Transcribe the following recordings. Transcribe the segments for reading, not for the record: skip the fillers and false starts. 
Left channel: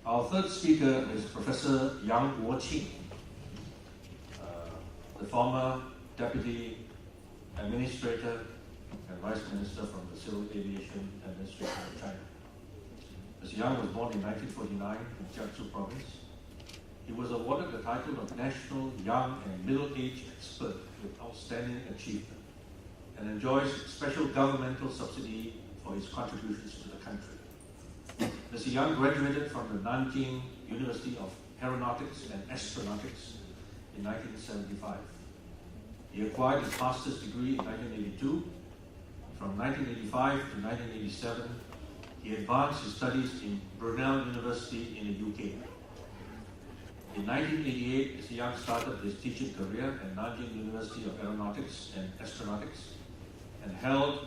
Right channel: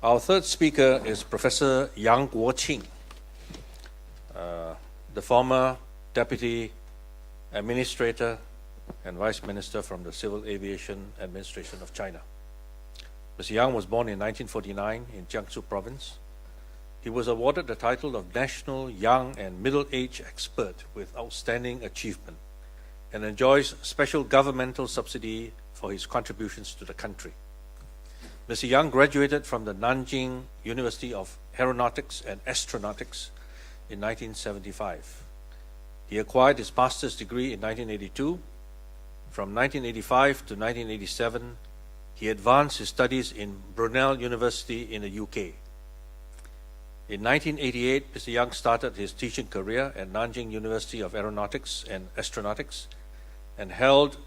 Our third speaker is Professor Guo Qing, the former Deputy Administrator and Vice Minister from the Civil Aviation Administration of China. Mr. Yang was born in 1949 in Jiangsu Province. He was awarded the title of National Young and Middle-Age Expert with Outstanding Achievement and enjoys special governmental subsidy for his contributions to the country. Mr. Yang graduated from the Nanjing University of Aeronautics and Astronautics in 1975. He acquired his master's degree in 1982. From 1985 to 1987, he advanced his studies in Brunel University in the UK. In 1988, Mr. Yang started his teaching career at Nanjing University of Aeronautics and Astronautics and held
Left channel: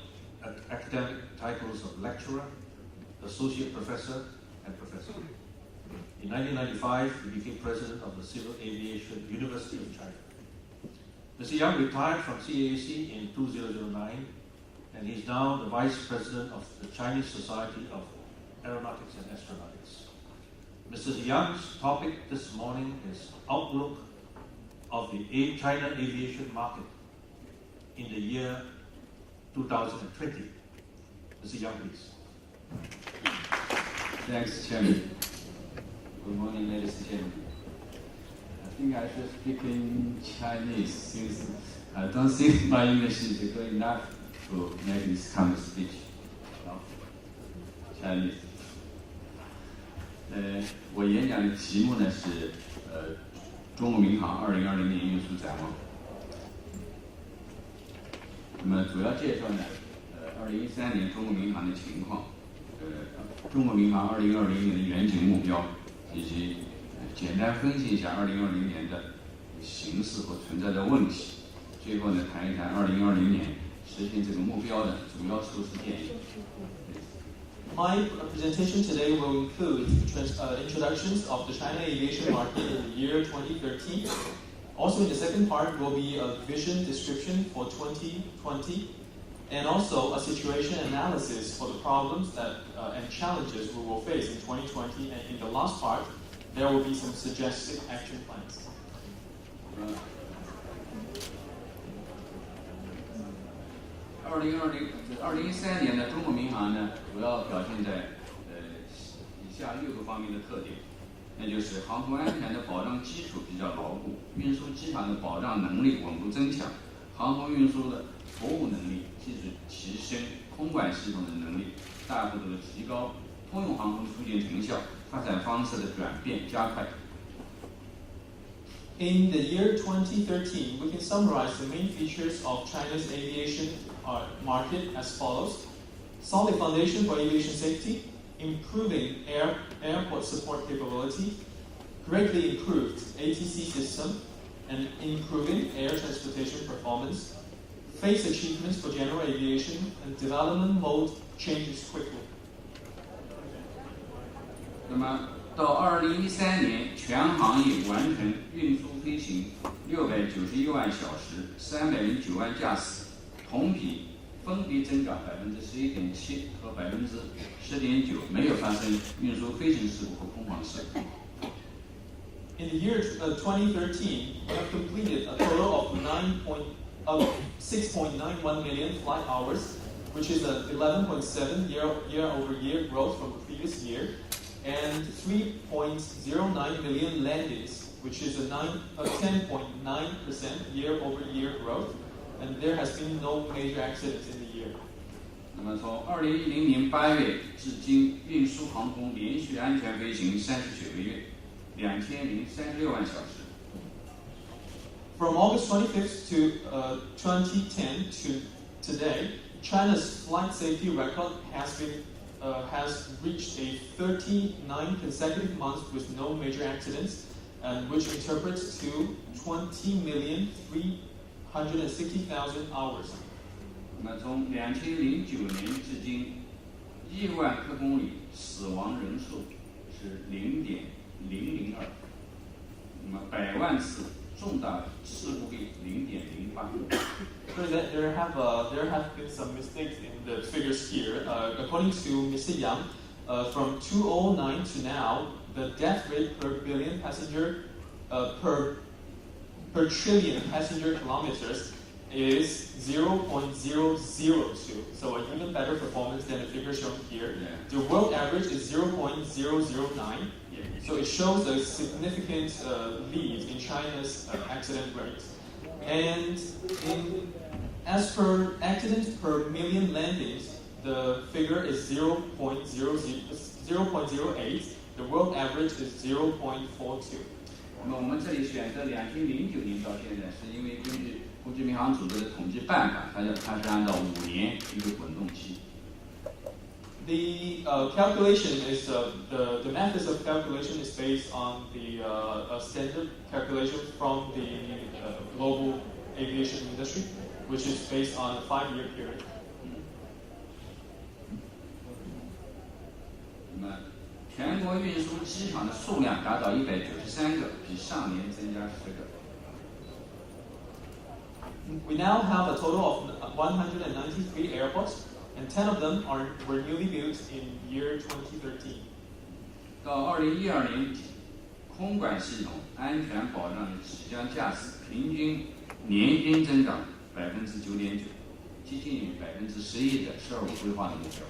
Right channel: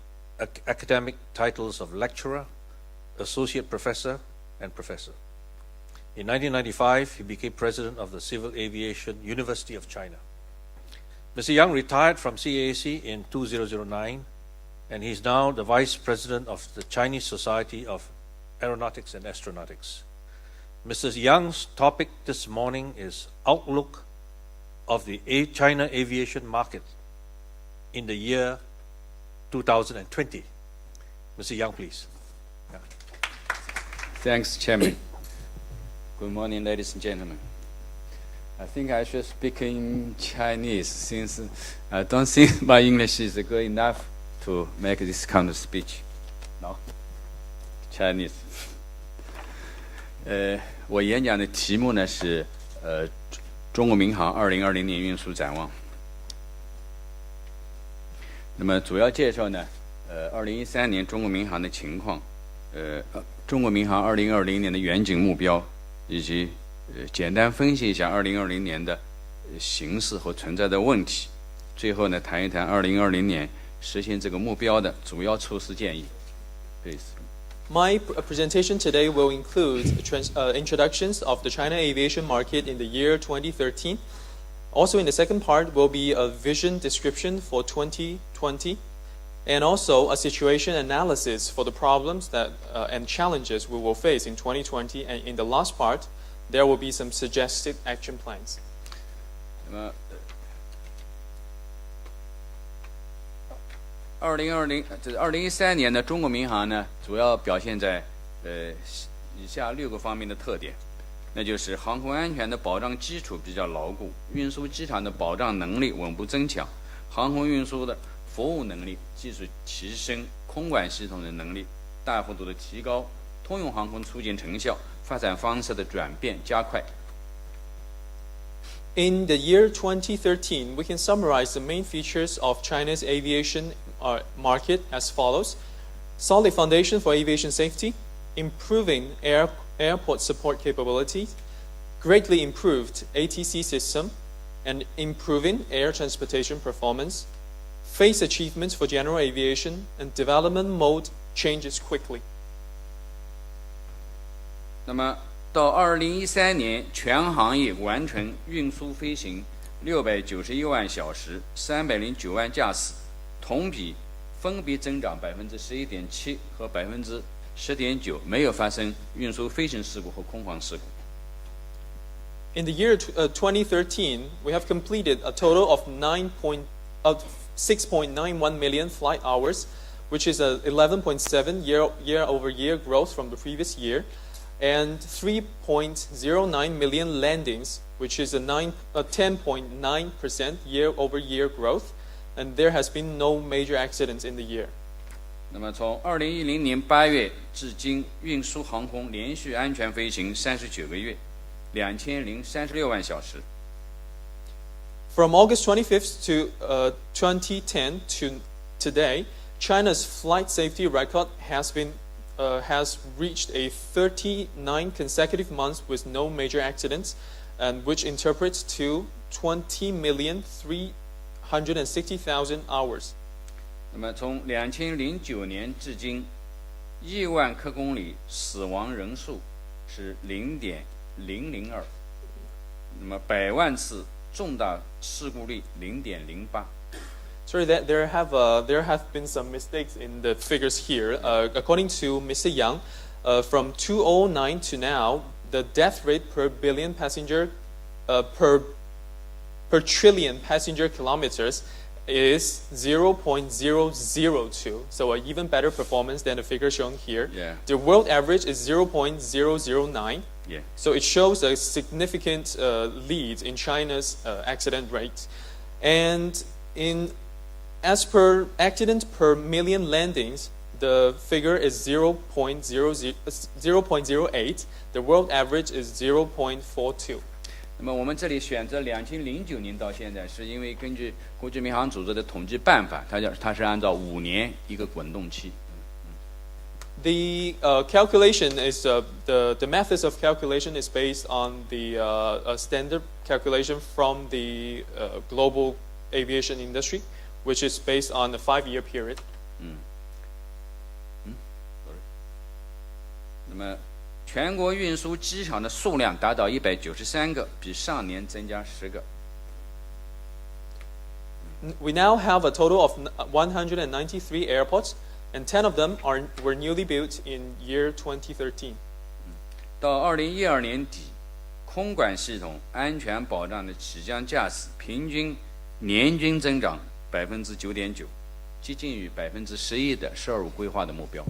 academic titles of lecturer, associate professor, and professor. In 1995, he became president of the Civil Aviation University of China. Mr. Yang retired from CAAC in 2009, and he's now the vice president of the Chinese Society of Aeronautics and Astronautics. Mr. Yang's topic this morning is Outlook of the China aviation market in the year 2020. Mr. Yang, please. Thanks, Chairman. Good morning, ladies and gentlemen. I think I should speak in Chinese since I don't think my English is good enough to make this kind of speech. No? Chinese. 我演讲的题目呢是中国民航2020年运输展望。那么主要介绍呢2013年中国民航的情况，中国民航2020年的远景目标，以及简单分析一下2020年的形势和存在的问题。最后呢谈一谈2020年实现这个目标的主要措施建议。Please. My presentation today will include introductions of the China aviation market in the year 2013. Also in the second part will be a vision description for 2020 and also a situation analysis for the problems that and challenges we will face in 2020, and in the last part there will be some suggested action plans. 2013年的中国民航呢，主要表现在以下6个方面的特点，那就是航空安全的保障基础比较牢固，运输机场的保障能力稳步增强，航空运输的服务能力、技术提升，空管系统的能力大幅度的提高，通用航空促进成效，发展方式的转变加快。In the year 2013, we can summarize the main features of China's aviation market as follows: solid foundation for aviation safety, improving airport support capability, greatly improved ATC system, and improving air transportation performance, phase achievements for general aviation, and development mode changes quickly. 那么到2013年，全行业完成运输飞行691万小时，309万架次，同比分别增长11.7%和10.9%，没有发生运输飞行事故和空防事故。In the year 2013, we have completed a total of 6.91 million flight hours, which is a 11.7% year-over-year growth from the previous year, and 3.09 million landings, which is a 10.9% year-over-year growth, and there has been no major accidents in the year. 那么从2010年8月至今，运输航空连续安全飞行39个月，2036万小时。From August 25th to 2010 to today, China's flight safety record has reached a 39 consecutive months with no major accidents, and which interprets to 20,360,000 hours. 那么从2009年至今，1万克公里死亡人数是0.002，那么100万次重大事故率0.08。Sorry, that there have been some mistakes in the figures here. According to Mr. Yang, from 2009 to now, the death rate per billion passenger per trillion passenger kilometers is 0.002, so an even better performance than the figure shown here. Yeah. The world average is 0.009, Yeah. so it shows a significant lead in China's accident rate. And as per accident per million landings, the figure is 0.08. The world average is 0.42. 那么我们这里选择2009年到现在，是因为根据国际民航组织的统计办法，它是按照5年一个滚动期。The calculation is the methods of calculation is based on the standard calculation from the global aviation industry, which is based on a 5-year period. 那么全国运输机场的数量达到193个，比上年增加10个。We now have a total of 193 airports, and 10 of them were newly built in year 2013. 到2012年底，空管系统安全保障的起降驾驶平均年均增长9.9%，接近于11%的12规划的目标。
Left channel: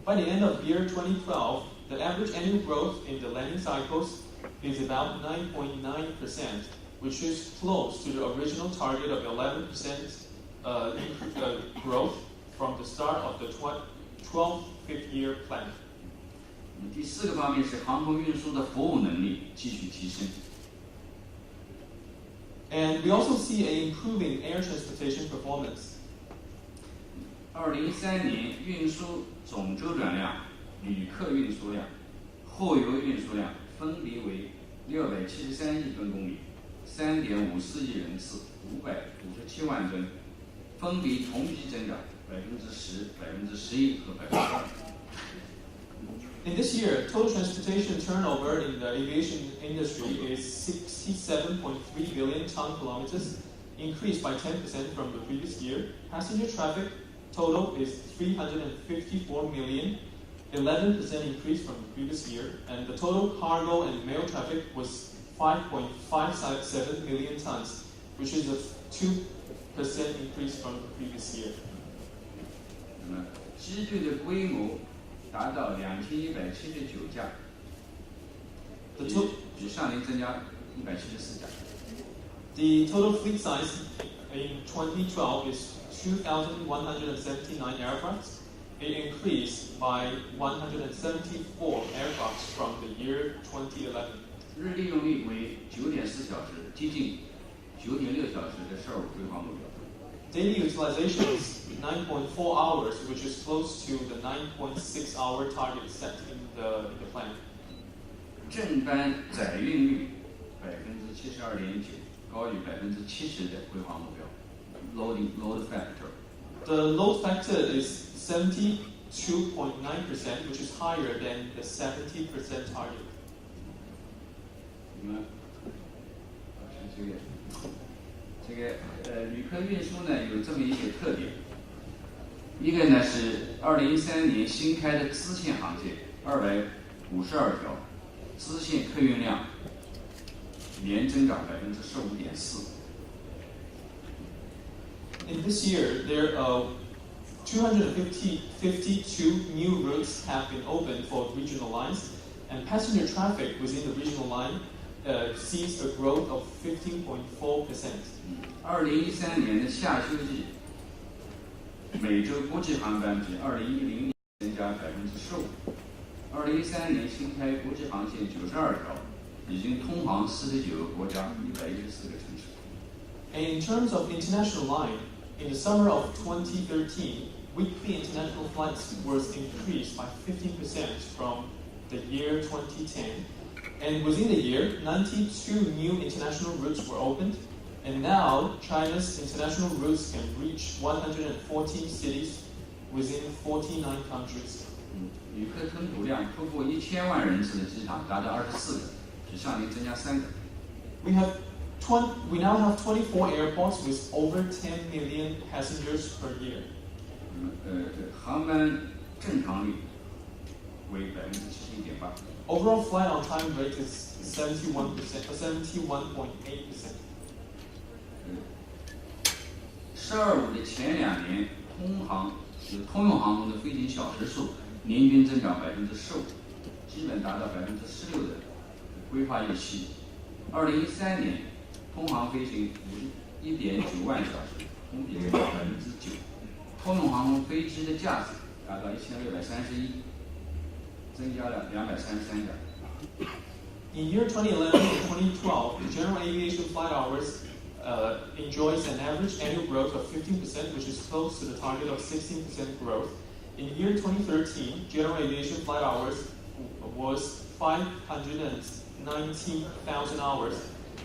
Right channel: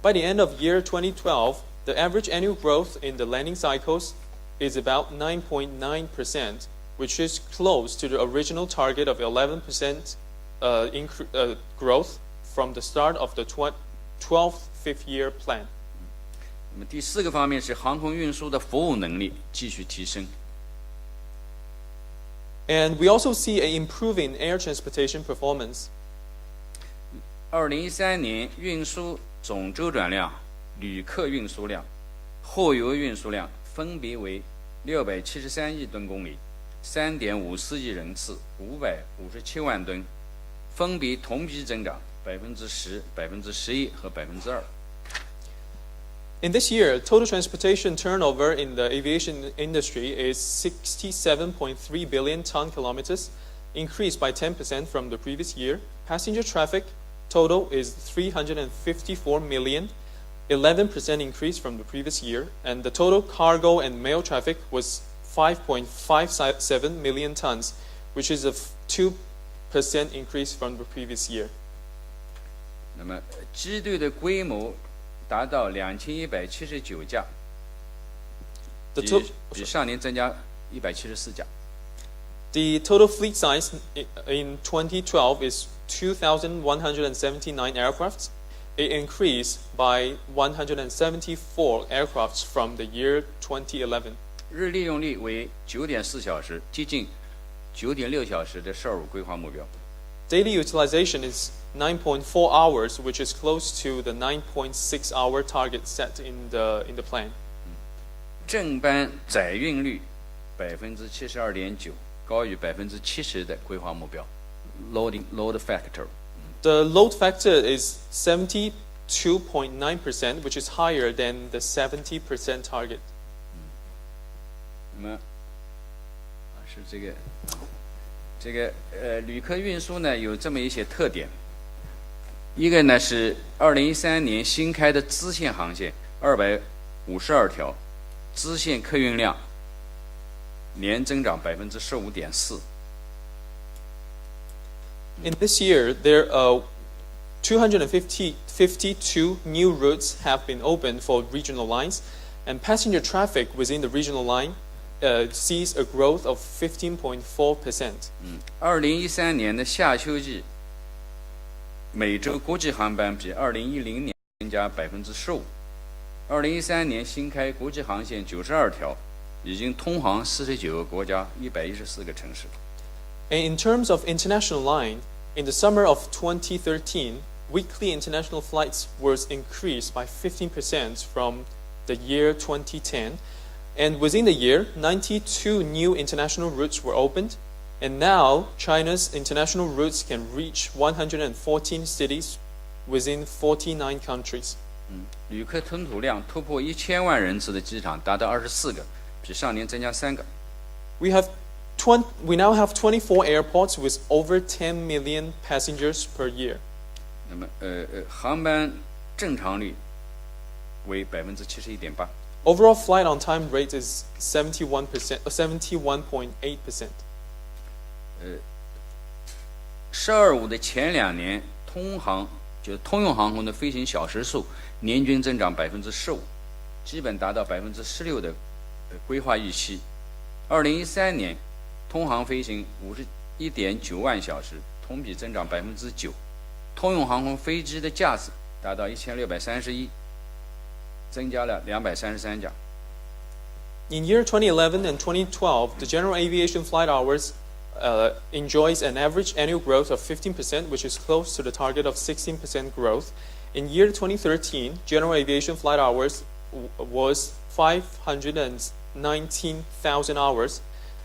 By the end of year 2012, the average annual growth in the landing cycles is about 9.9%, which is close to the original target of 11% growth from the start of the 12th fifth-year plan. 那么第4个方面是航空运输的服务能力继续提升。And we also see an improving air transportation performance. 2013年运输总周转量、旅客运输量、货邮运输量分别为673亿吨公里、3.54亿人次、557万吨，分别同比增长10%、11%和2%。In this year, total transportation turnover in the aviation industry is 67.3 billion ton kilometers, increased by 10% from the previous year. Passenger traffic total is 354 million, 11% increase from the previous year, and the total cargo and mail traffic was 5.57 million tons, which is a 2% increase from the previous year. 那么机队的规模达到2179架，比上年增加174架。The total fleet size in 2012 is 2,179 aircrafts. It increased by 174 aircrafts from the year 2011. 日利用率为9.4小时，接近9.6小时的12规划目标。Daily utilization is 9.4 hours, which is close to the 9.6-hour target set in the plan. 正班载运率72.9%，高于70%的规划目标。Load factor. The load factor is 72.9%, which is higher than the 70% target. 那么是这个旅客运输呢有这么一些特点。一个呢是2013年新开的支线航线252条，支线客运量年增长15.4%。In this year, there are 252 new routes have been opened for regional lines, and passenger traffic within the regional line sees a growth of 15.4%. 2013年的夏秋季，每周国际航班比2010年增加15%。2013年新开国际航线92条，已经通航49个国家、114个城市。And in terms of international line, in the summer of 2013, weekly international flights was increased by 15% from the year 2010. And within the year, 92 new international routes were opened. And now, China's international routes can reach 114 cities within 49 countries. 旅客吞吐量突破1000万人次的机场达到24个，比上年增加3个。We now have 24 airports with over 10 million passengers per year. 那么航班正常率为71.8%。Overall flight on time rate is 71.8%. 12.5的前2年，就是通用航空的飞行小时数年均增长15%，基本达到16%的规划预期。2013年，通航飞行51.9万小时，同比增长9%。通用航空飞机的架次达到1631，增加了233架。In year 2011 and 2012, the general aviation flight hours enjoys an average annual growth of 15%, which is close to the target of 16% growth. In year 2013, general aviation flight hours was 519,000 hours.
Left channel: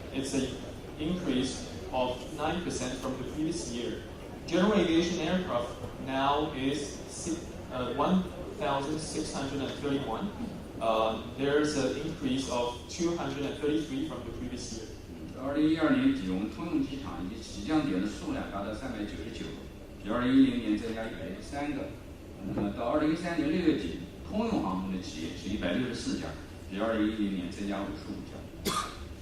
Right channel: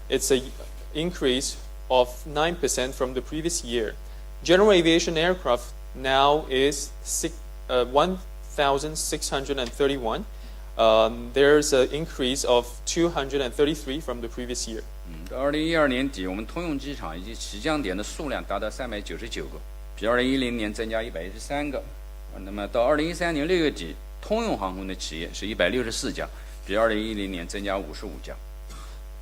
It's an increase of 9% from the previous year. General aviation aircraft now is 1,631. There's an increase of 233 from the previous year. 到2012年底，我们通用机场以及起降点的数量达到399个，比2010年增加113个。那么到2013年6月底，通用航空的企业是164家，比2010年增加55家。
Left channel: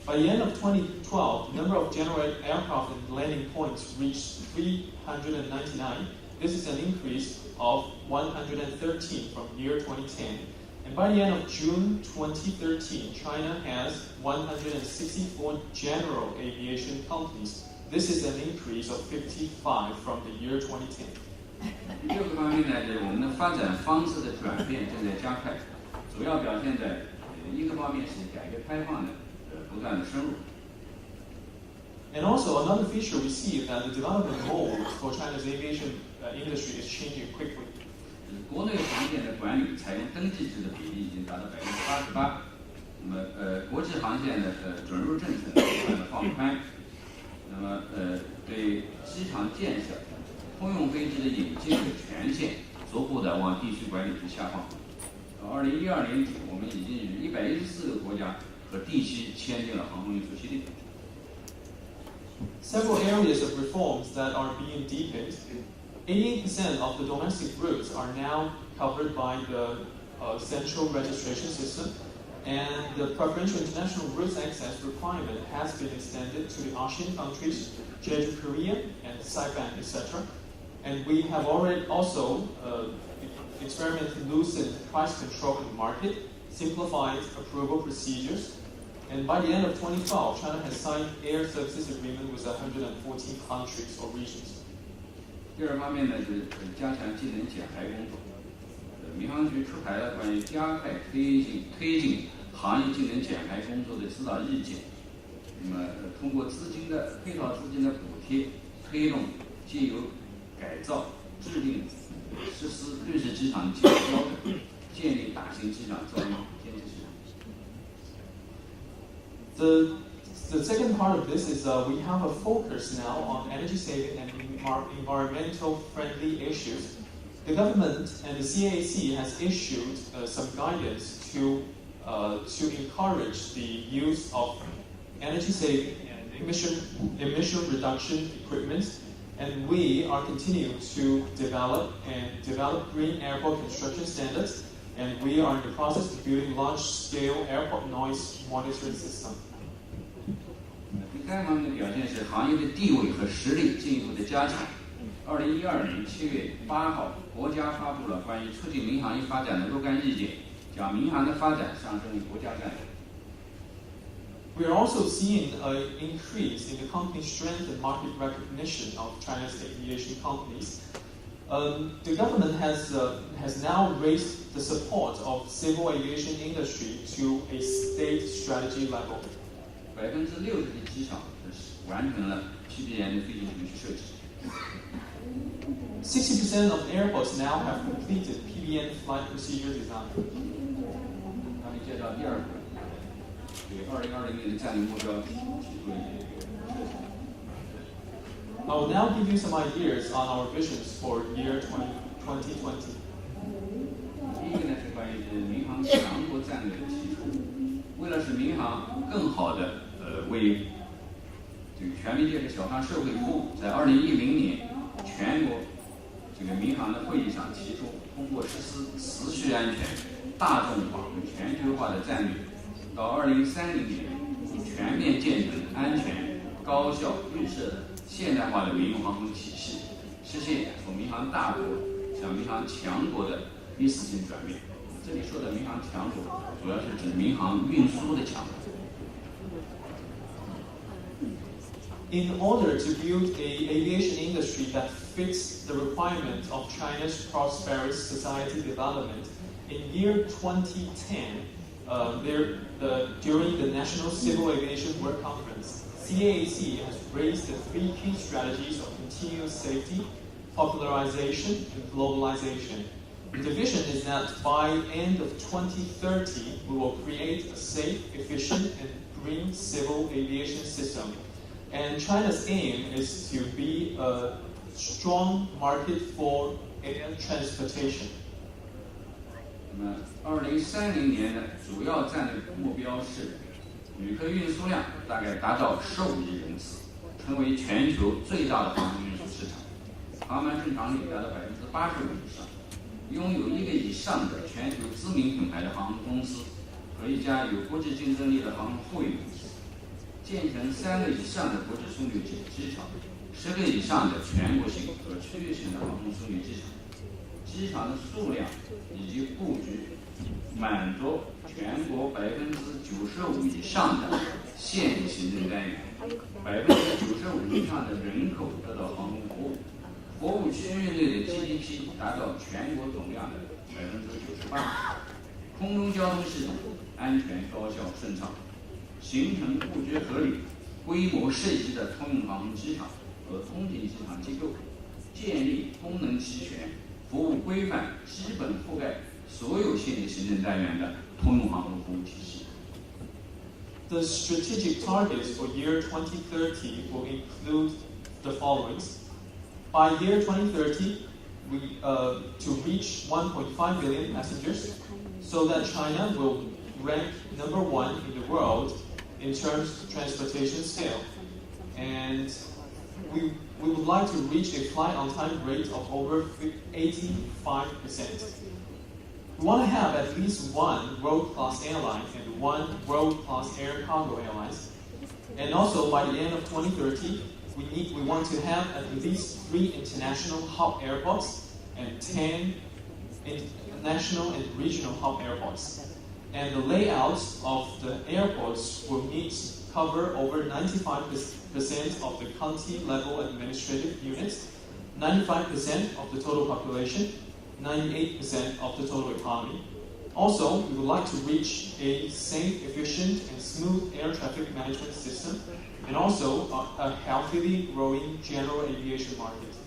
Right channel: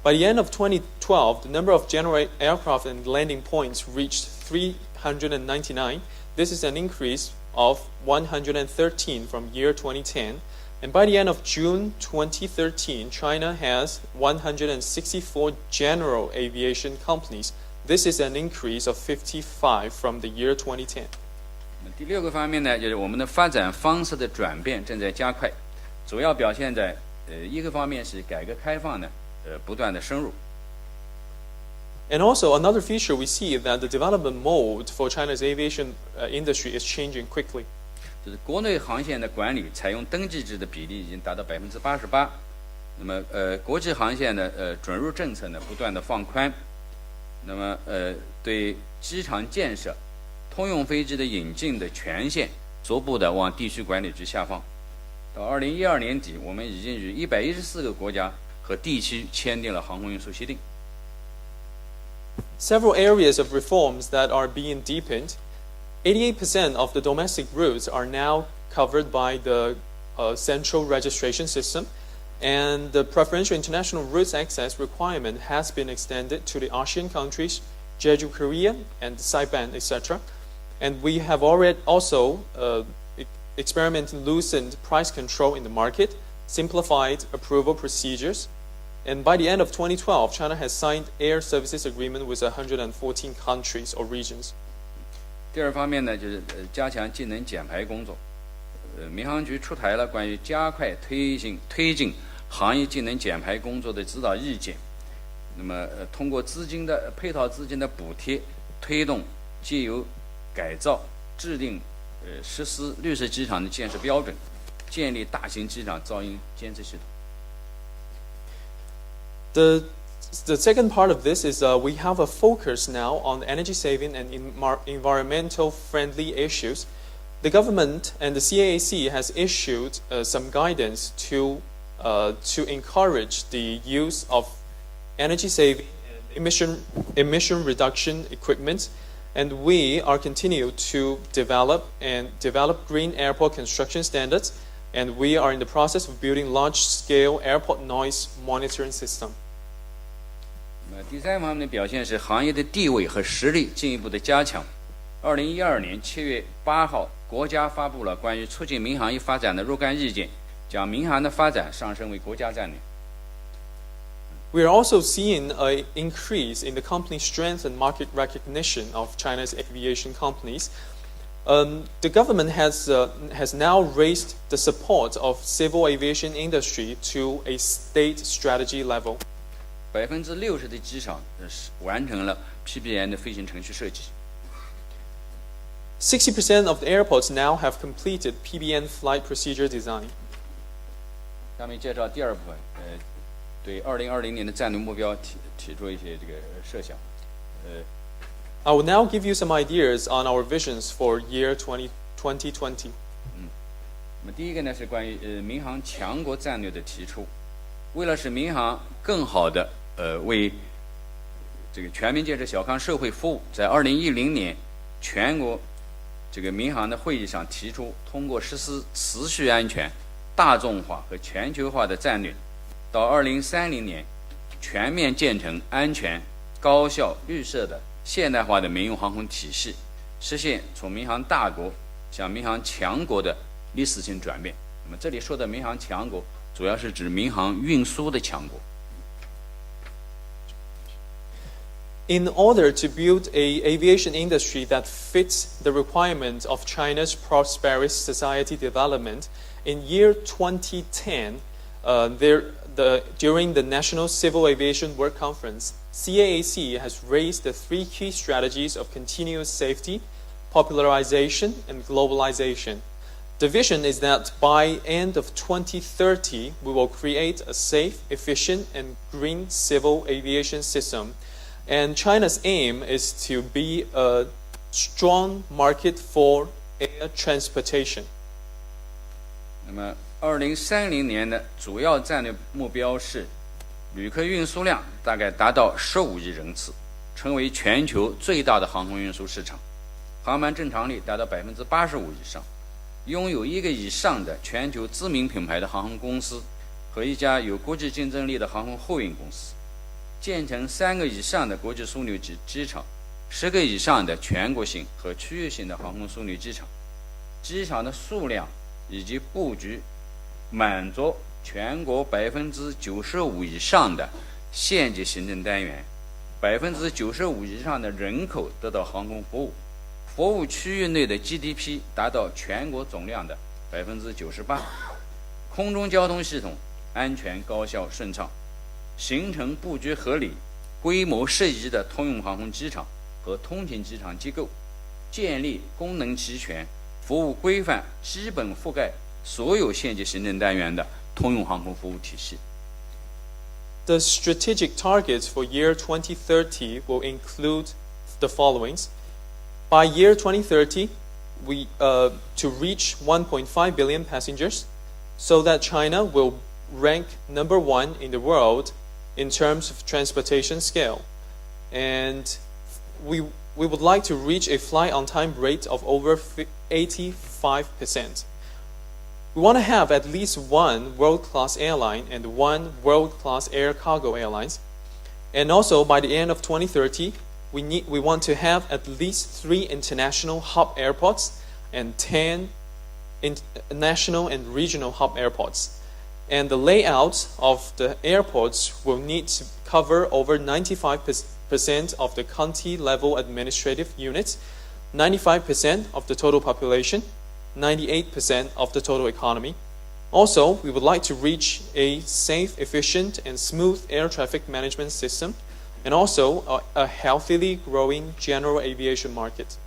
By the end of 2012, the number of general aircraft and landing points reached 399. This is an increase of 113 from year 2010. And by the end of June 2013, China has 164 general aviation companies. This is an increase of 55 from the year 2010. 第6个方面呢，就是我们的发展方式的转变正在加快，主要表现在一个方面是改革开放呢不断的深入。And also another feature we see is that the development mode for China's aviation industry is changing quickly. 就是国内航线的管理采用登记制的比例已经达到88%，那么国际航线的准入政策呢不断的放宽，那么对机场建设、通用飞机的引进的权限逐步的往地区管理局下放。到2012年底，我们已经与114个国家和地区签订了航空运输协定。Several areas of reforms that are being deepened. 88% of the domestic routes are now covered by the central registration system, and the preferential international routes access requirement has been extended to the ASEAN countries, Jeju, Korea, and Saipan, etc. And we have already also experimented loosened price control in the market, simplified approval procedures, and by the end of 2012, China has signed air services agreement with 114 countries or regions. 第2方面呢，就是加强技能减排工作。民航局出台了关于加快推进行业技能减排工作的指导意见。那么，通过配套资金的补贴，推动借由改造、制定、实施绿色机场的建设标准，建立大型机场噪音监测系统。The second part of this is we have a focus now on energy saving and environmental friendly issues. The government and the CAAC has issued some guidance to encourage the use of energy saving emission reduction equipment, and we are continue to develop green airport construction standards, and we are in the process of building large-scale airport noise monitoring system. 第3方面的表现是行业的地位和实力进一步的加强。2012年7月8号，国家发布了关于促进民航业发展的若干意见，将民航的发展上升为国家战略。We are also seeing an increase in the company strength and market recognition of China's aviation companies. The government has now raised the support of civil aviation industry to a state strategy level. 60%的机场完成了 PBN 的飞行程序设计。60% of the airports now have completed PBN flight procedure design. 下面介绍第2部分，对2020年的战略目标提出一些这个设想。I will now give you some ideas on our visions for year 2020. 第一个呢是关于民航强国战略的提出，为了使民航更好的为这个全面建设小康社会服务，在2010年全国这个民航的会议上提出，通过实施持续安全、大众化和全球化的战略，到2030年全面建成安全、高效、绿色的现代化的民用航空体系，实现从民航大国向民航强国的历史性转变。那么这里说的民航强国，主要是指民航运输的强国。In order to build an aviation industry that fits the requirements of China's prosperous society development, in year 2010, during the National Civil Aviation Work Conference, CAAC has raised the 3 key strategies of continuous safety, popularization, and globalization. The vision is that by end of 2030, we will create a safe, efficient, and green civil aviation system. And China's aim is to be a strong market for air transportation. 那么，2030年的主要战略目标是，旅客运输量大概达到15亿人次，成为全球最大的航空运输市场，航班正常率达到85%以上，拥有1个以上的全球知名品牌的航空公司和一家有国际竞争力的航空货运公司，建成3个以上的国际枢纽机场，10个以上的全国性和区域性的航空枢纽机场，机场的数量以及布局满足全国95%以上的县级行政单元，95%以上的人口得到航空服务，服务区域内的 GDP 达到全国总量的98%，空中交通系统安全、高效、顺畅，形成布局合理、规模适宜的通用航空机场和通勤机场机构，建立功能齐全、服务规范、基本覆盖所有县级行政单元的通用航空服务体系。The strategic targets for year 2030 will include the following. By year 2030, to reach 1.5 billion passengers, so that China will rank number 1 in the world in terms of transportation scale. And we would like to reach a flight on time rate of over 85%. We want to have at least 1 world-class airline and 1 world-class air cargo airlines. And also by the end of 2030, we want to have at least 3 international hub airports and 10 national and regional hub airports. And the layout of the airports will need to cover over 95% of the county-level administrative units, 95% of the total population, 98% of the total economy. Also, we would like to reach a safe, efficient, and smooth air traffic management system, and also a healthily growing general aviation market.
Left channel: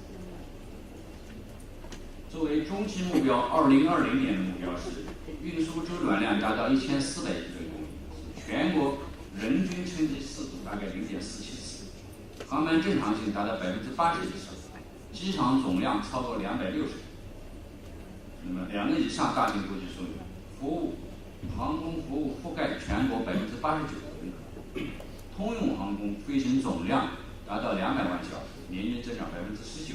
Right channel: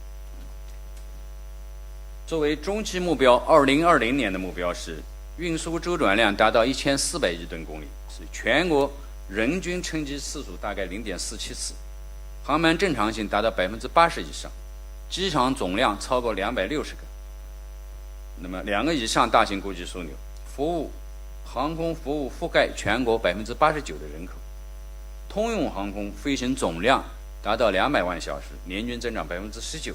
作为中期目标，2020年的目标是运输周转量达到1400亿吨公里，是全国人均乘机次数大概0.47次，航班正常性达到80%以上，机场总量超过260个。那么2个以上大型国际枢纽，航空服务覆盖全国89%的人口，通用航空飞行总量达到200万小时，年均增长19%，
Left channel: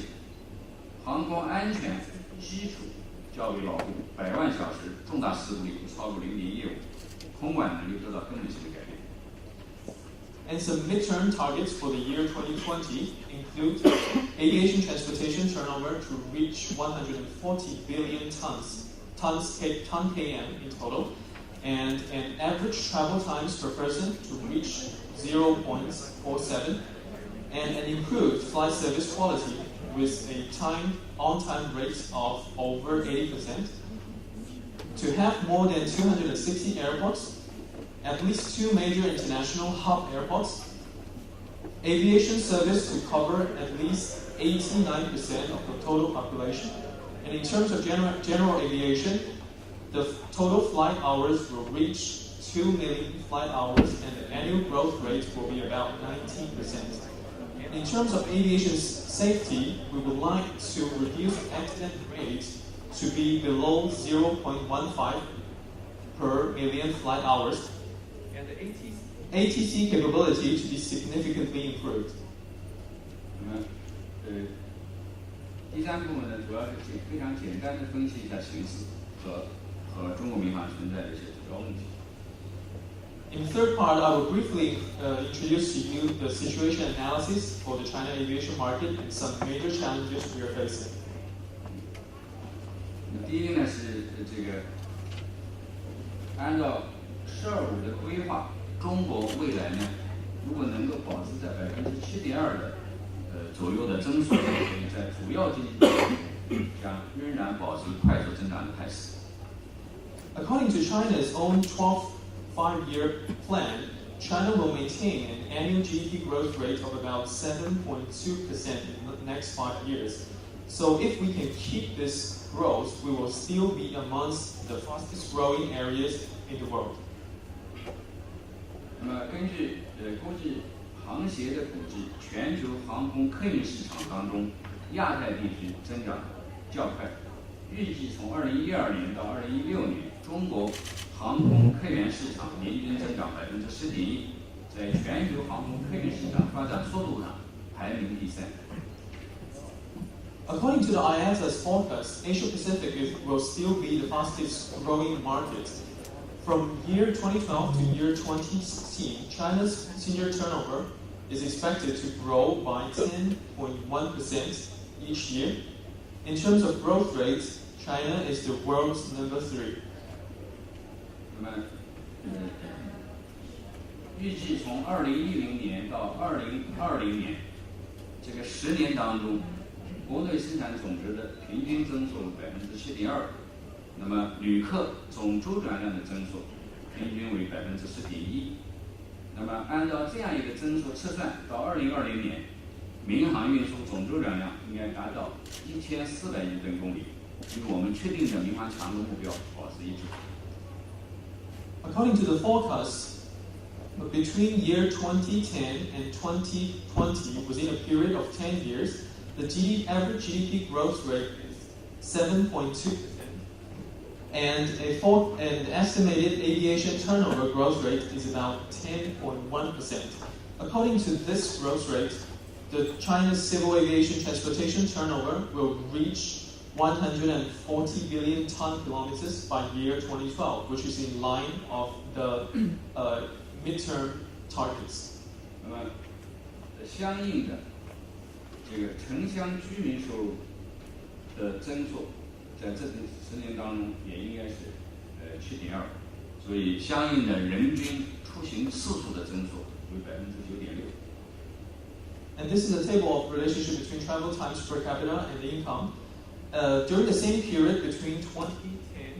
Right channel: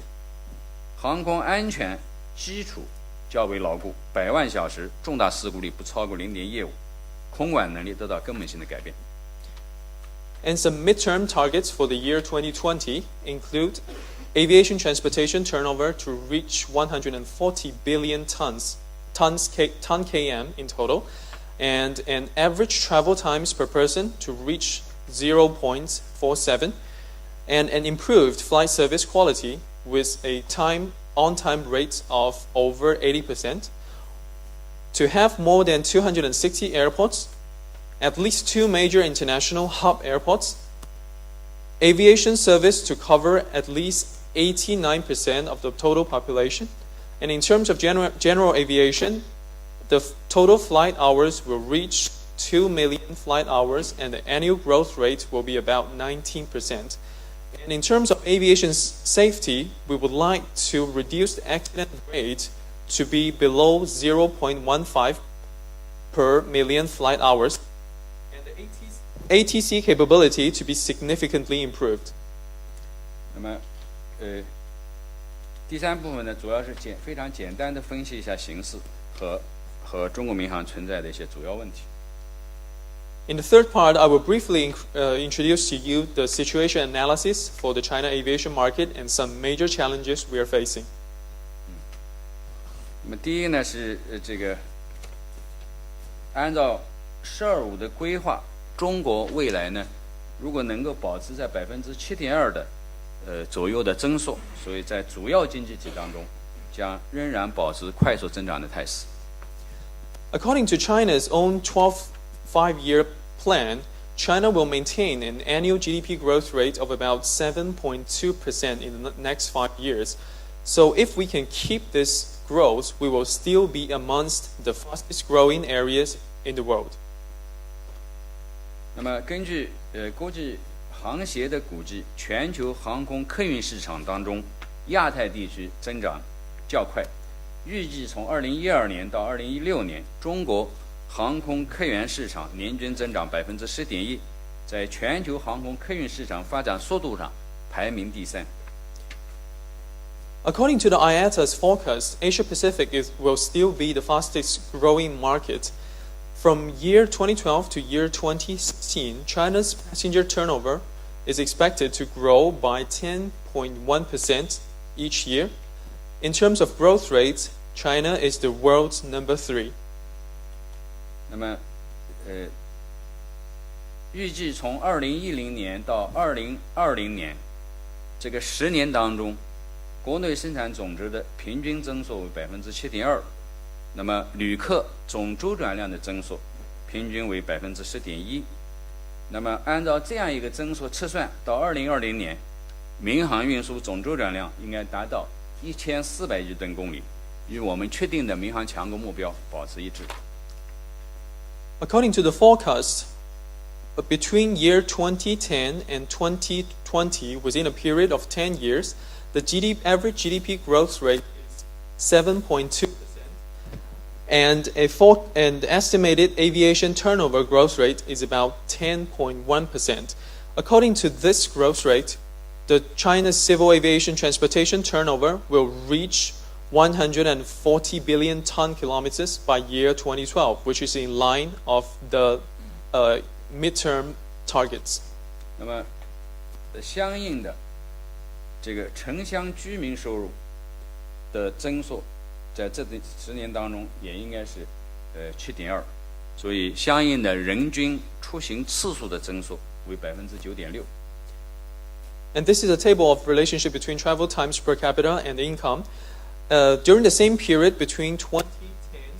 航空安全基础较为牢固，100万小时重大事故率不超过0.15，空管能力得到根本性的改变。And some midterm targets for the year 2020 include aviation transportation turnover to reach 140 billion ton km in total, and an average travel times per person to reach 0.47, and an improved flight service quality with a on-time rate of over 80%, to have more than 260 airports, at least 2 major international hub airports, aviation service to cover at least 89% of the total population, and in terms of general aviation, the total flight hours will reach 2 million flight hours, and the annual growth rate will be about 19%. And in terms of aviation safety, we would like to reduce the accident rate to be below 0.15 per million flight hours, and the ATC capability to be significantly improved. 那么，第3部分呢，主要是非常简单的分析一下形势和和中国民航存在的一些主要问题。In the third part, I will briefly introduce to you the situation analysis for the China aviation market and some major challenges we are facing. 那么第一呢是这个按照“12.5”的规划，中国未来呢如果能够保持在7.2%的左右的增速，所以在主要经济体中将仍然保持快速增长的态势。According to China's own 12 5-year plan, China will maintain an annual GDP growth rate of about 7.2% in the next 5 years. So if we can keep this growth, we will still be amongst the fastest growing areas in the world. 那么根据国际航协的估计，全球航空客运市场当中，亚太地区增长较快，预计从2012年到2016年，中国航空客运市场年均增长10.1%，在全球航空客运市场发展速度上排名第3。According to the IATA's forecast, Asia Pacific will still be the fastest growing market. From year 2012 to year 2016, China's passenger turnover is expected to grow by 10.1% each year. In terms of growth rates, China is the world's number 3. 那么，预计从2010年到2020年这个10年当中，国内生产总值的平均增速为7.2%，那么旅客总周转量的增速平均为10.1%。那么按照这样一个增速测算，到2020年，民航运输总周转量应该达到1400亿吨公里，与我们确定的民航强国目标保持一致。According to the forecast, between year 2010 and 2020, within a period of 10 years, the average GDP growth rate is 7.2%, and an estimated aviation turnover growth rate is about 10.1%. According to this growth rate, the China's civil aviation transportation turnover will reach 140 billion ton kilometers by year 2012, which is in line of the midterm targets. 那么，相应的这个城乡居民收入的增速，在这10年当中也应该是7.2%，所以相应的人均出行次数的增速为9.6%。And this is a table of relationship between travel times per capita and income. During the same period between 2010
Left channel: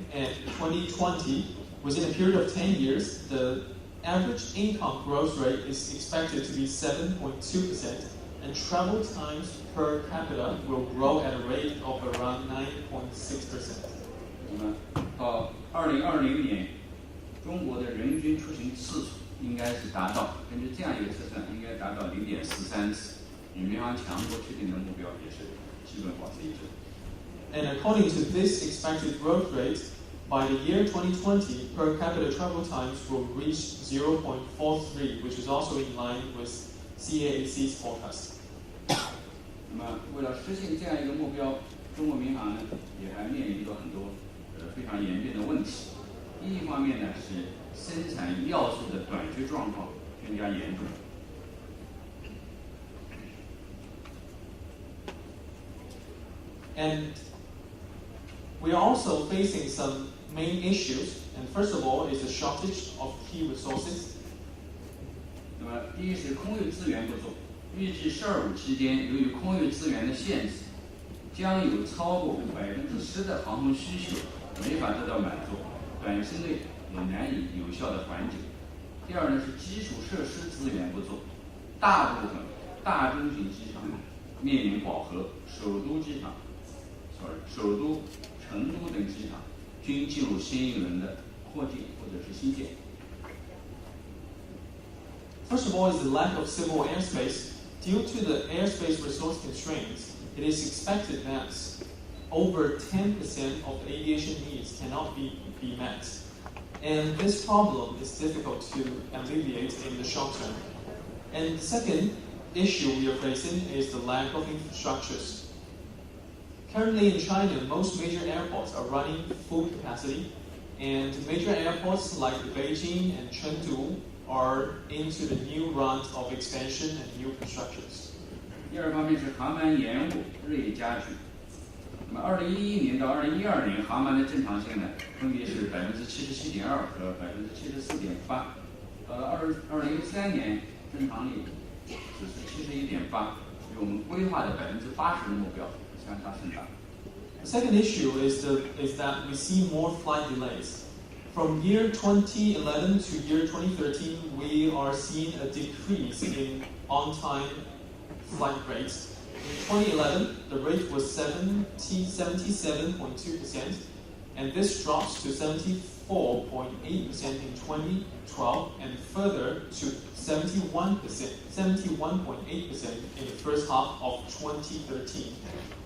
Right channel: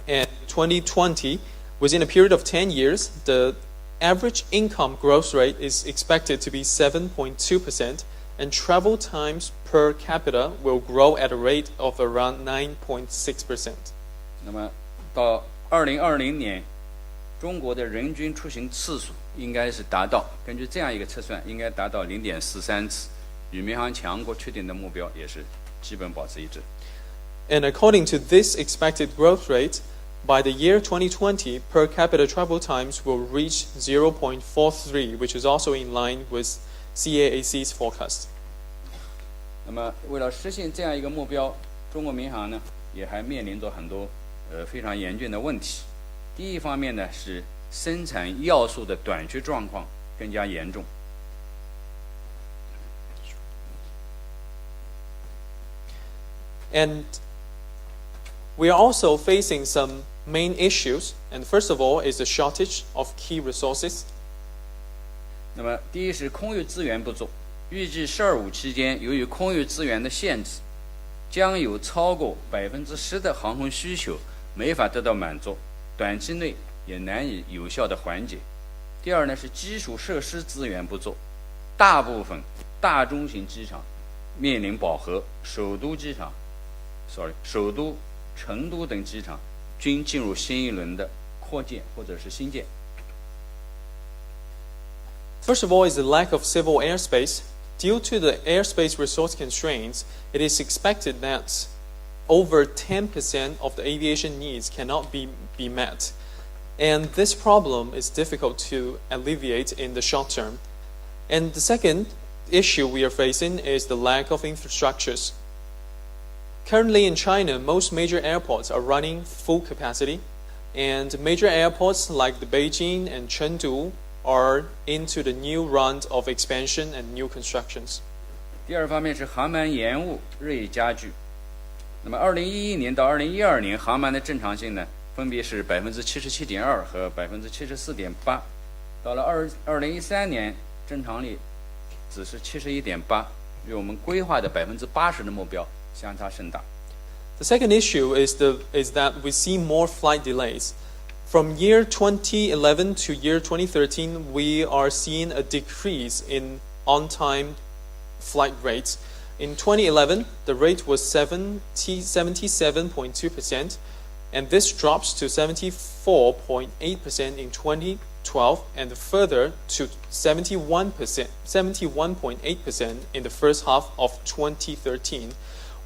and 2020, within a period of 10 years, the average income growth rate is expected to be 7.2%, and travel times per capita will grow at a rate of around 9.6%. 那么到2020年，中国的人均出行次数应该是达到，根据这样一个测算，应该达到0.43次，与民航强国确定的目标也是基本保持一致。And according to this expected growth rate, by the year 2020, per capita travel times will reach 0.43, which is also in line with CAAC's forecast. 那么，为了实现这样一个目标，中国民航呢也还面临着很多非常严峻的问题。第一方面呢是生产要素的短缺状况更加严重。And we are also facing some main issues, and first of all is the shortage of key resources. 那么，第一是空域资源不足，预计12.5期间，由于空域资源的限制，将有超过10%的航空需求没法得到满足，短期内也难以有效的缓解。第二呢是基础设施资源不足，大部分大中型机场面临饱和，首都、成都等机场均进入新一轮的扩建或者是新建。First of all is the lack of civil airspace. Due to the airspace resource constraints, it is expected that over 10% of the aviation needs cannot be met. And this problem is difficult to alleviate in the short term. And the second issue we are facing is the lack of Currently in China, most major airports are running full capacity, and major airports like the Beijing and Chengdu are into the new round of expansion and new constructions. 第二方面是航班延误日益加剧。那么2011年到2012年航班的正常性呢，分别是77.2%和74.8%。到了2013年，正常率只是71.8%，与我们规划的80%的目标相差甚大。The second issue is that we see more flight delays. From year 2011 to year 2013, we are seeing a decrease in on-time flight rates. In 2011, the rate was 77.2%, and this drops to 74.8% in 2012, and further to 71.8% in the first half of 2013.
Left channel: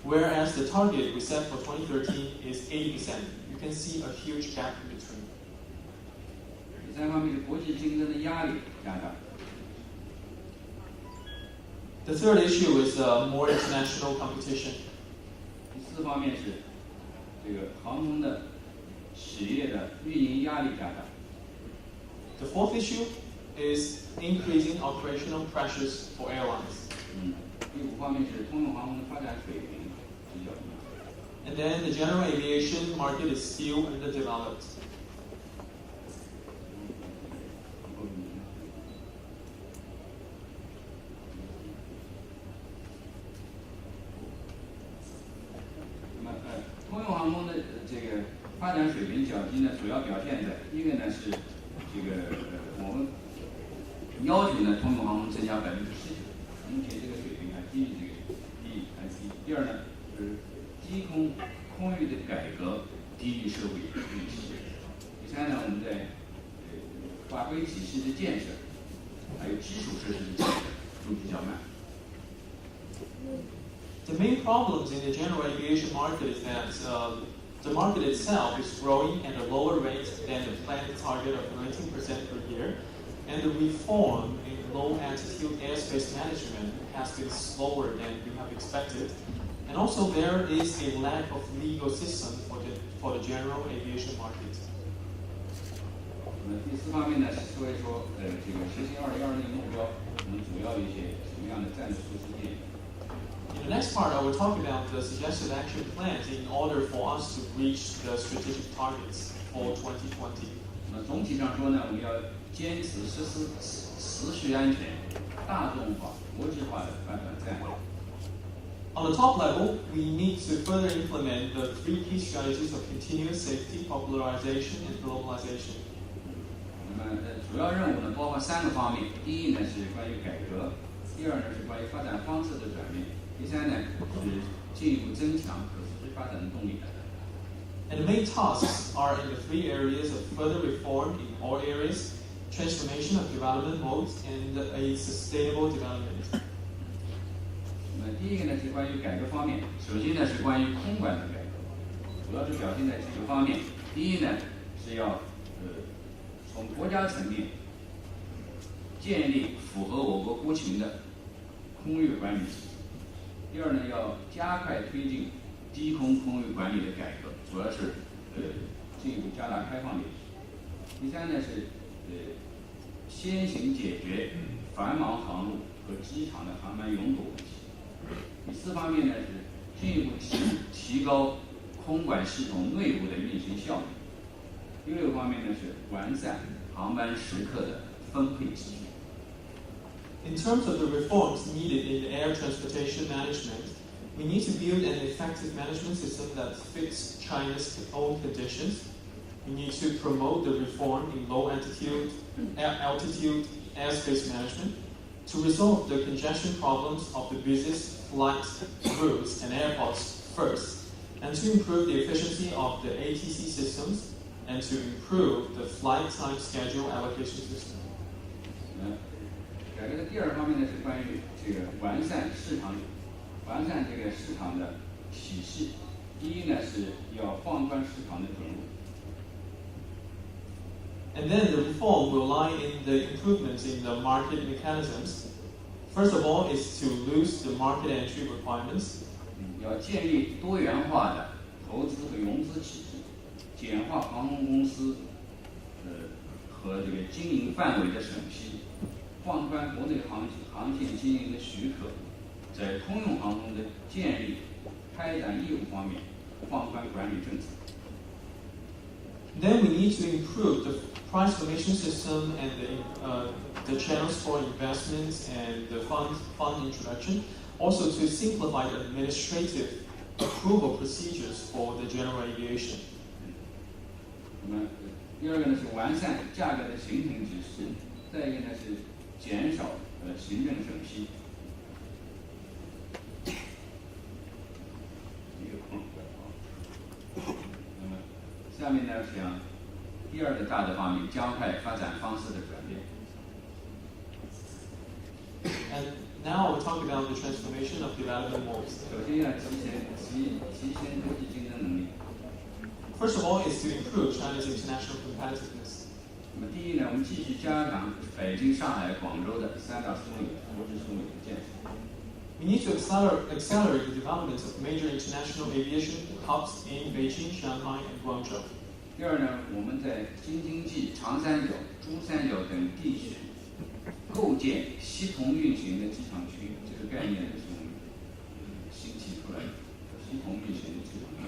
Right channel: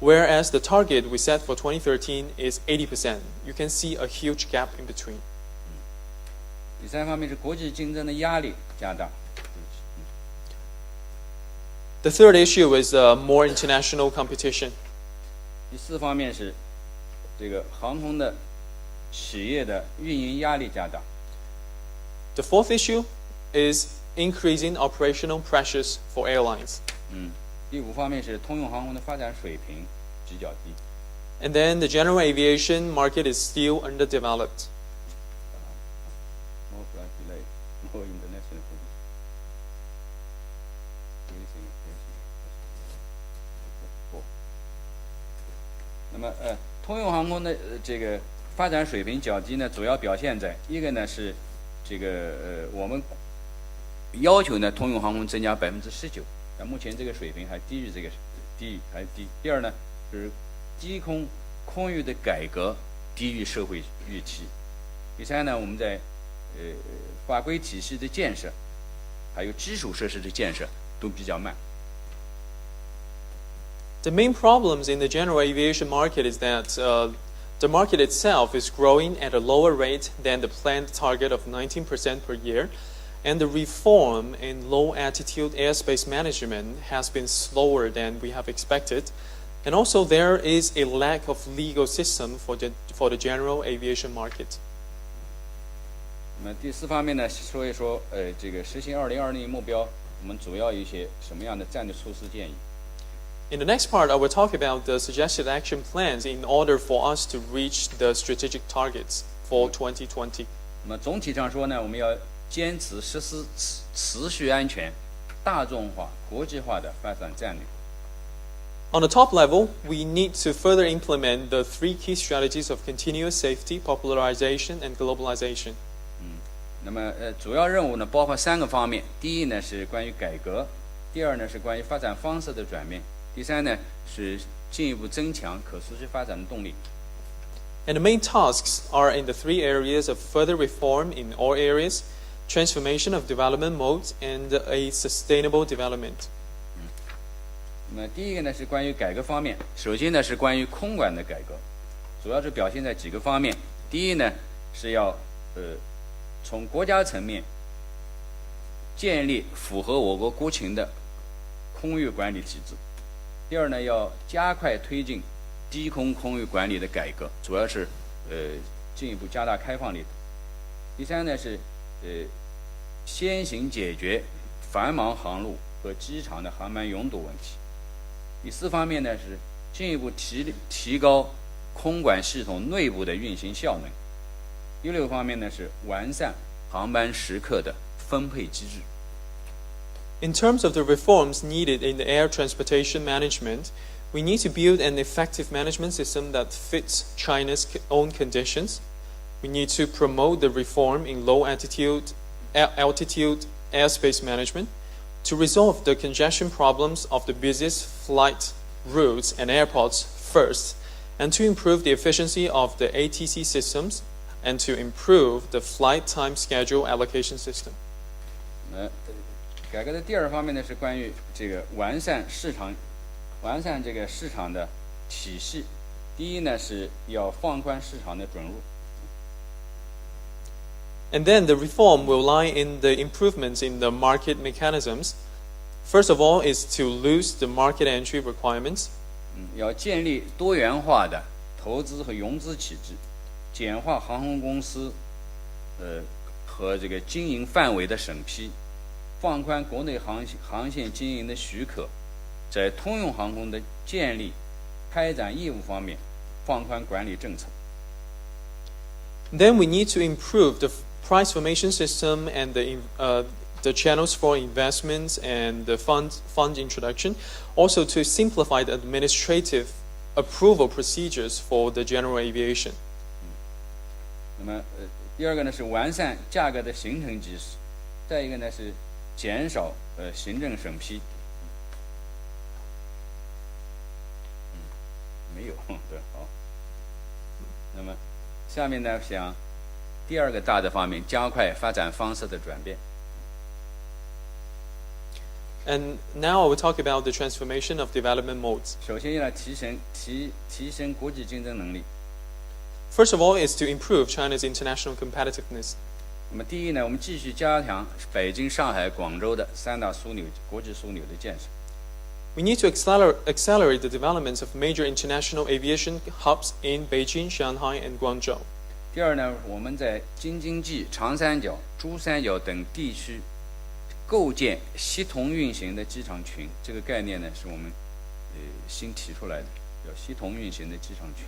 Whereas the target we set for 2013 is 80%. You can see a huge gap in between. 第三方面是国际竞争的压力加大。The third issue is more international competition. 第四方面是这个航空的企业的运营压力加大。The fourth issue is increasing operational pressures for airlines. 第五方面是通用航空的发展水平比较低。And then the general aviation market is still underdeveloped. 那么通用航空的这个发展水平较低呢，主要表现在一个呢是这个我们要求呢通用航空增加19%，但目前这个水平还低于这个还低。第二呢是低空空域的改革低于社会预期。第三呢，我们在法规体系的建设，还有基础设施的建设都比较慢。The main problems in the general aviation market is that the market itself is growing at a lower rate than the planned target of 19% per year, and the reform in low-altitude airspace management has been slower than we have expected. And also there is a lack of legal system for the general aviation market. 那么第四方面呢，说一说这个实现2020年目标，我们主要有一些什么样的战略措施建议。In the next part, I will talk about the suggested action plans in order for us to reach the strategic targets for 2020. 那么总体上说呢，我们要坚持实施持续安全、大众化、国际化的发展战略。On the top level, we need to further implement the three key strategies of continuous safety, popularization, and globalization. 那么主要任务呢，包括3个方面。第一呢是关于改革，第二呢是关于发展方式的转变，第三呢是进一步增强可持续发展的动力。And the main tasks are in the three areas of further reform in all areas, transformation of development modes, and a sustainable development. 那么第一个呢是关于改革方面，首先呢是关于空管的改革，主要是表现在几个方面。第一呢是要从国家层面建立符合我国国情的空域管理体制。第二呢，要加快推进低空空域管理的改革，主要是进一步加大开放力。第三呢是先行解决繁忙航路和机场的航班拥堵问题。第四方面呢是进一步提高空管系统内部的运行效能。第六方面呢是完善航班时刻的分配机制。In terms of the reforms needed in the air transportation management, we need to build an effective management system that fits China's own conditions. We need to promote the reform in low-altitude airspace management to resolve the congestion problems of the busiest flight routes and airports first, and to improve the efficiency of the ATC systems, and to improve the flight time schedule allocation system. 改革的第二方面呢是关于这个完善这个市场的体系。第一呢是要放宽市场的准入。And then the reform will lie in the improvements in the market mechanisms. First of all is to lose the market entry requirements. 要建立多元化的投资和融资体制。简化航空公司和这个经营范围的审批，放宽国内航线经营的许可，在通用航空的建立、开展业务方面放宽管理政策。Then we need to improve the price formation system and the channels for investments and the fund introduction. Also to simplify the administrative approval procedures for the general aviation. 那么第二个呢是完善价格的形成机制，再一个呢是减少行政审批。没有，好。那么下面呢想第二个大的方面，加快发展方式的转变。And now I will talk about the transformation of development modes. 首先要提升国际竞争能力。First of all is to improve China's international competitiveness. 那么第一呢，我们继续加强北京、上海、广州的三大枢纽、国际枢纽的建设。We need to accelerate the development of major international aviation hubs in Beijing, Shanghai, and Guangzhou. 第二呢，我们在京津冀、长三角、珠三角等地区构建协同运行的机场群，这个概念呢是我们新提出来的，叫协同运行的机场群。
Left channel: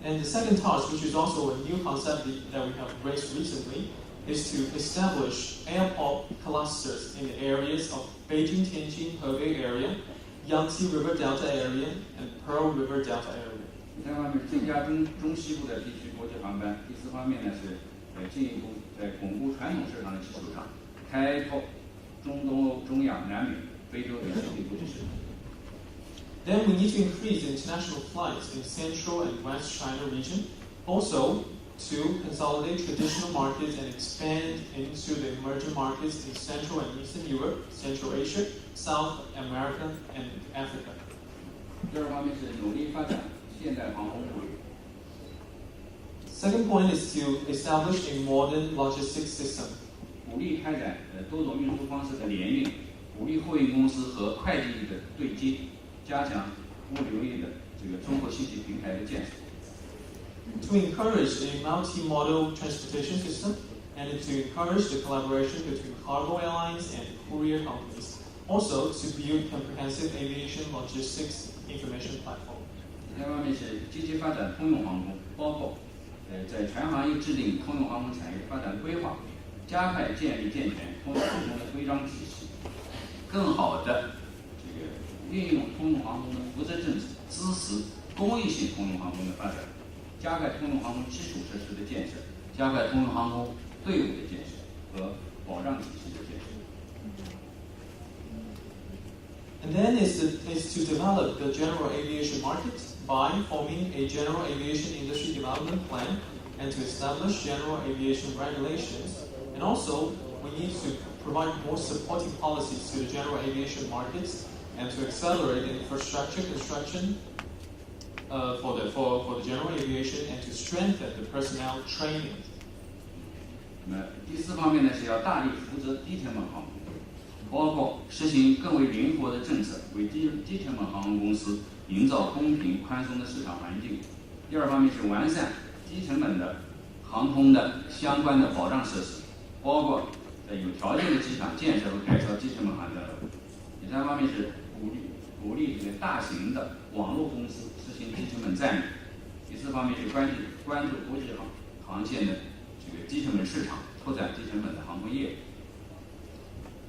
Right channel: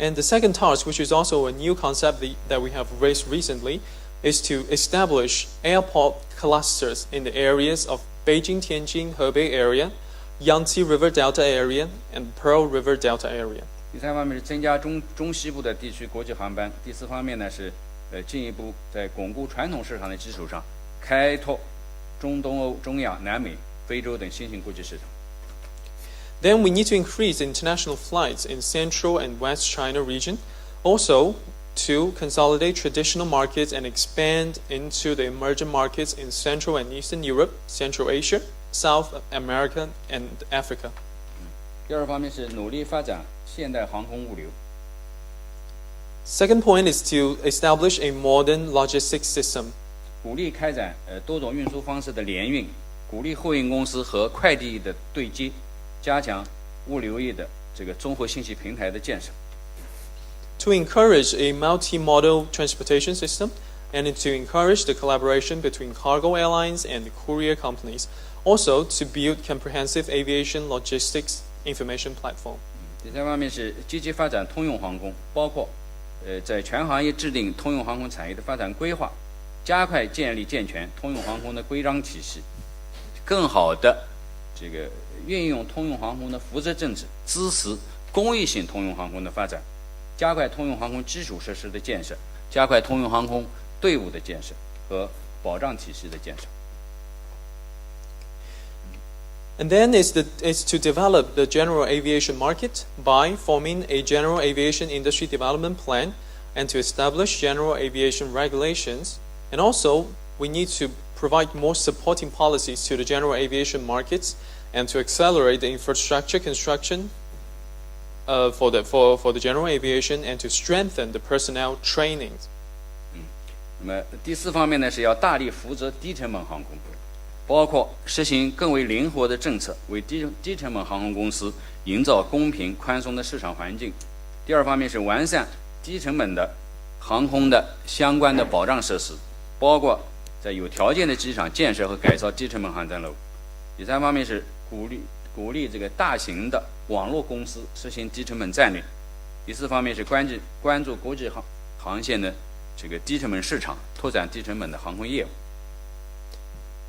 And the second task, which is also a new concept that we have raised recently, is to establish airport clusters in the areas of Beijing, Tianjin, Hebei area, Yangtze River Delta area, and Pearl River Delta area. 第三方面是增加中西部的地区国际航班。第四方面呢是进一步在巩固传统市场的基础上，开拓中东欧、中亚、南美、非洲等新兴国际市场。Then we need to increase international flights in Central and West China region, also to consolidate traditional markets and expand into the emerging markets in Central and Eastern Europe, Central Asia, South America, and Africa. 第二方面是努力发展现代航空物流。Second point is to establish a modern logistics system. 鼓励开展多种运输方式的联运，鼓励货运公司和快递业的对接，加强物流业的这个综合信息平台的建设。To encourage a multi-modal transportation system and to encourage the collaboration between cargo airlines and courier companies. Also to build comprehensive aviation logistics information platform. 第三方面是积极发展通用航空，包括在全行业制定通用航空产业的发展规划，加快建立健全通用航空的规章体系，更好的这个运用通用航空的扶持政策，支持公益性通用航空的发展，加快通用航空基础设施的建设，加快通用航空队伍的建设和保障体系的建设。And then is to develop the general aviation market by forming a general aviation industry development plan and to establish general aviation regulations. And also, we need to provide more supporting policies to the general aviation markets and to accelerate the infrastructure construction for the general aviation and to strengthen the personnel training. 那么第四方面呢，是要大力扶持低成本航空，包括实行更为灵活的政策，为低成本航空公司营造公平宽松的市场环境。第二方面是完善低成本的航空的相关的保障设施，包括在有条件的机场建设和改造低成本航站楼。第三方面是鼓励这个大型的网络公司实行低成本战略。第四方面是关注国际航线的这个低成本市场，拓展低成本的航空业务。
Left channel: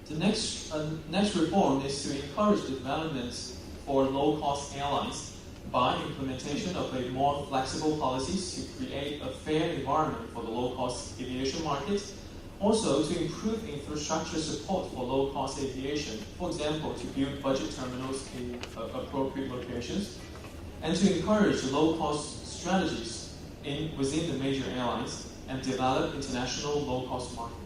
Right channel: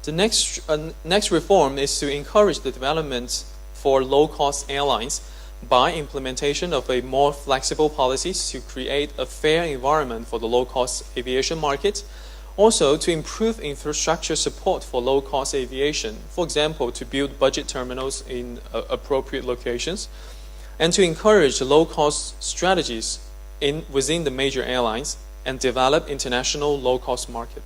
The next reform is to encourage the development for low-cost airlines by implementation of a more flexible policies to create a fair environment for the low-cost aviation market. Also, to improve infrastructure support for low-cost aviation, for example, to build budget terminals in appropriate locations, and to encourage low-cost strategies within the major airlines and develop international low-cost market.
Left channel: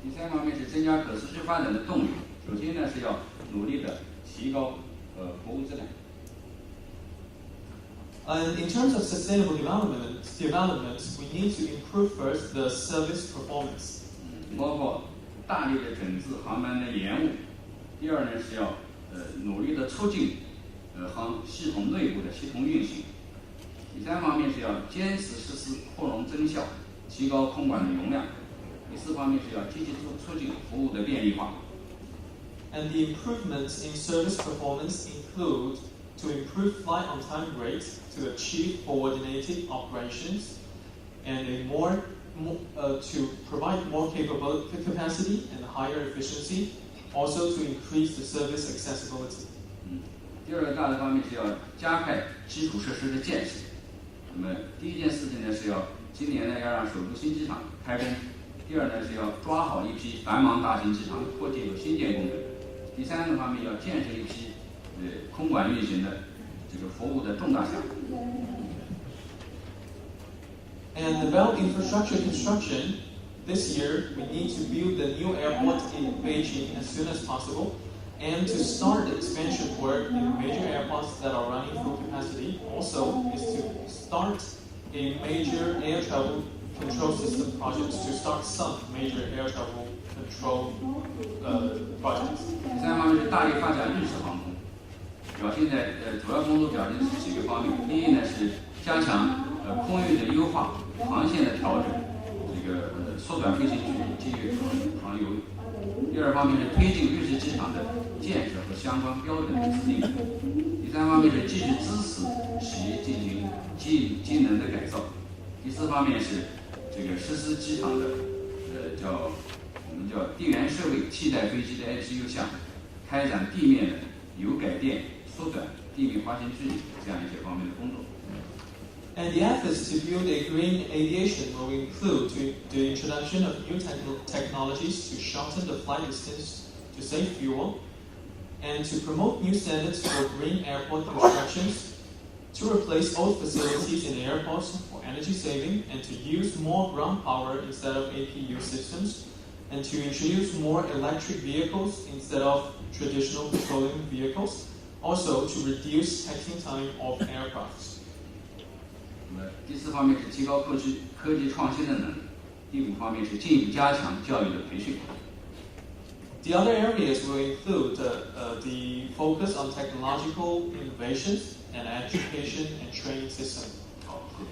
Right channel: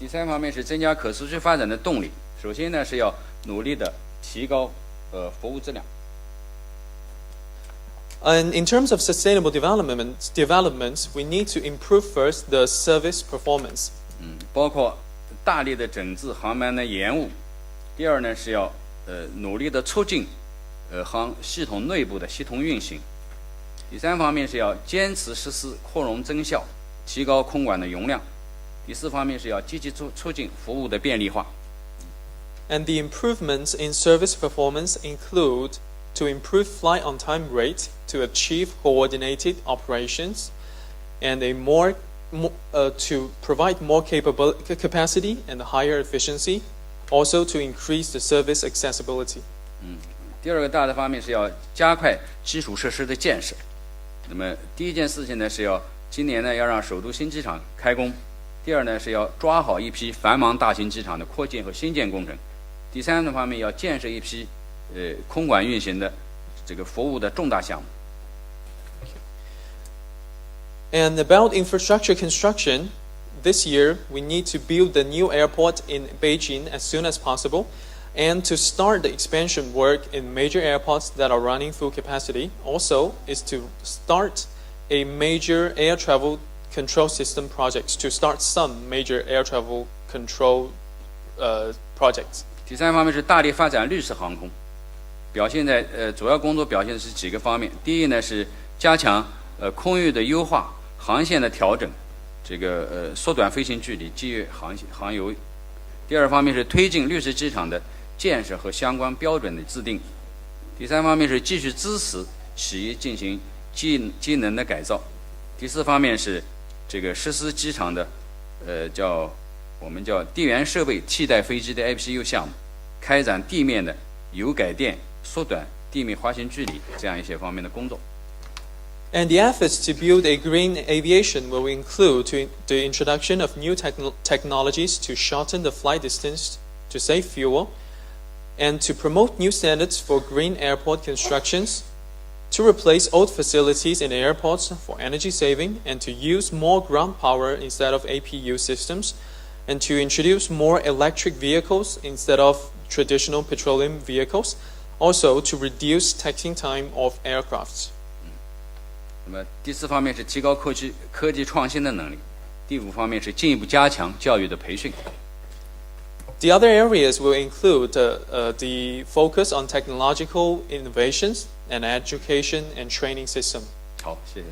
第三方面是增加可持续发展的动力。首先呢，是要努力的提高服务质量。And in terms of sustainable development, we need to improve first the service performance. 包括大力的整治航班的延误。第二呢，是要努力的促进系统内部的系统运行。第3方面是要坚持实施扩容增效，提高空管的容量。第4方面是要积极促进服务的便利化。And the improvements in service performance include to improve flight on-time rate to achieve coordinated operations, and to provide more capacity and higher efficiency, also to increase the service accessibility. 第2个大的方面是要加快基础设施的建设。那么第一件事情呢是要今年呢要让首都新机场开工。第2呢是要抓好一批繁忙大型机场的扩建和新建工程。第3个方面要建设一批空管运行的这个服务的重大项目。And about infrastructure construction, this year we need to build the new airport in Beijing as soon as possible, and to start the expansion work in major airports that are running full capacity. Also is to start a major air travel control system projects, to start some major air travel control projects. 第3方面是大力发展绿色航空，表现在主要工作表现是几个方面。第一呢是加强空域的优化，航线的调整，这个缩短飞行距离，节约航油。第2方面是推进绿色机场的建设和相关标准的制定。第3方面是继续支持企业进行机能的改造。第4方面是这个实施机场的我们叫地缘设备替代飞机的 IPU 项目，开展地面的油改电，缩短地面滑行距离这样一些方面的工作。And the efforts to build a green aviation will include the introduction of new technologies to shorten the flight distance to save fuel, and to promote new standards for green airport constructions, to replace old facilities in airports for energy saving, and to use more ground power instead of APU systems, and to introduce more electric vehicles instead of traditional petroleum vehicles, also to reduce taxiing time of aircrafts. 那么第4方面是提高科技创新的能力。第5方面是进一步加强教育的培训。The other areas will include the focus on technological innovations and education and training system. 好，谢谢。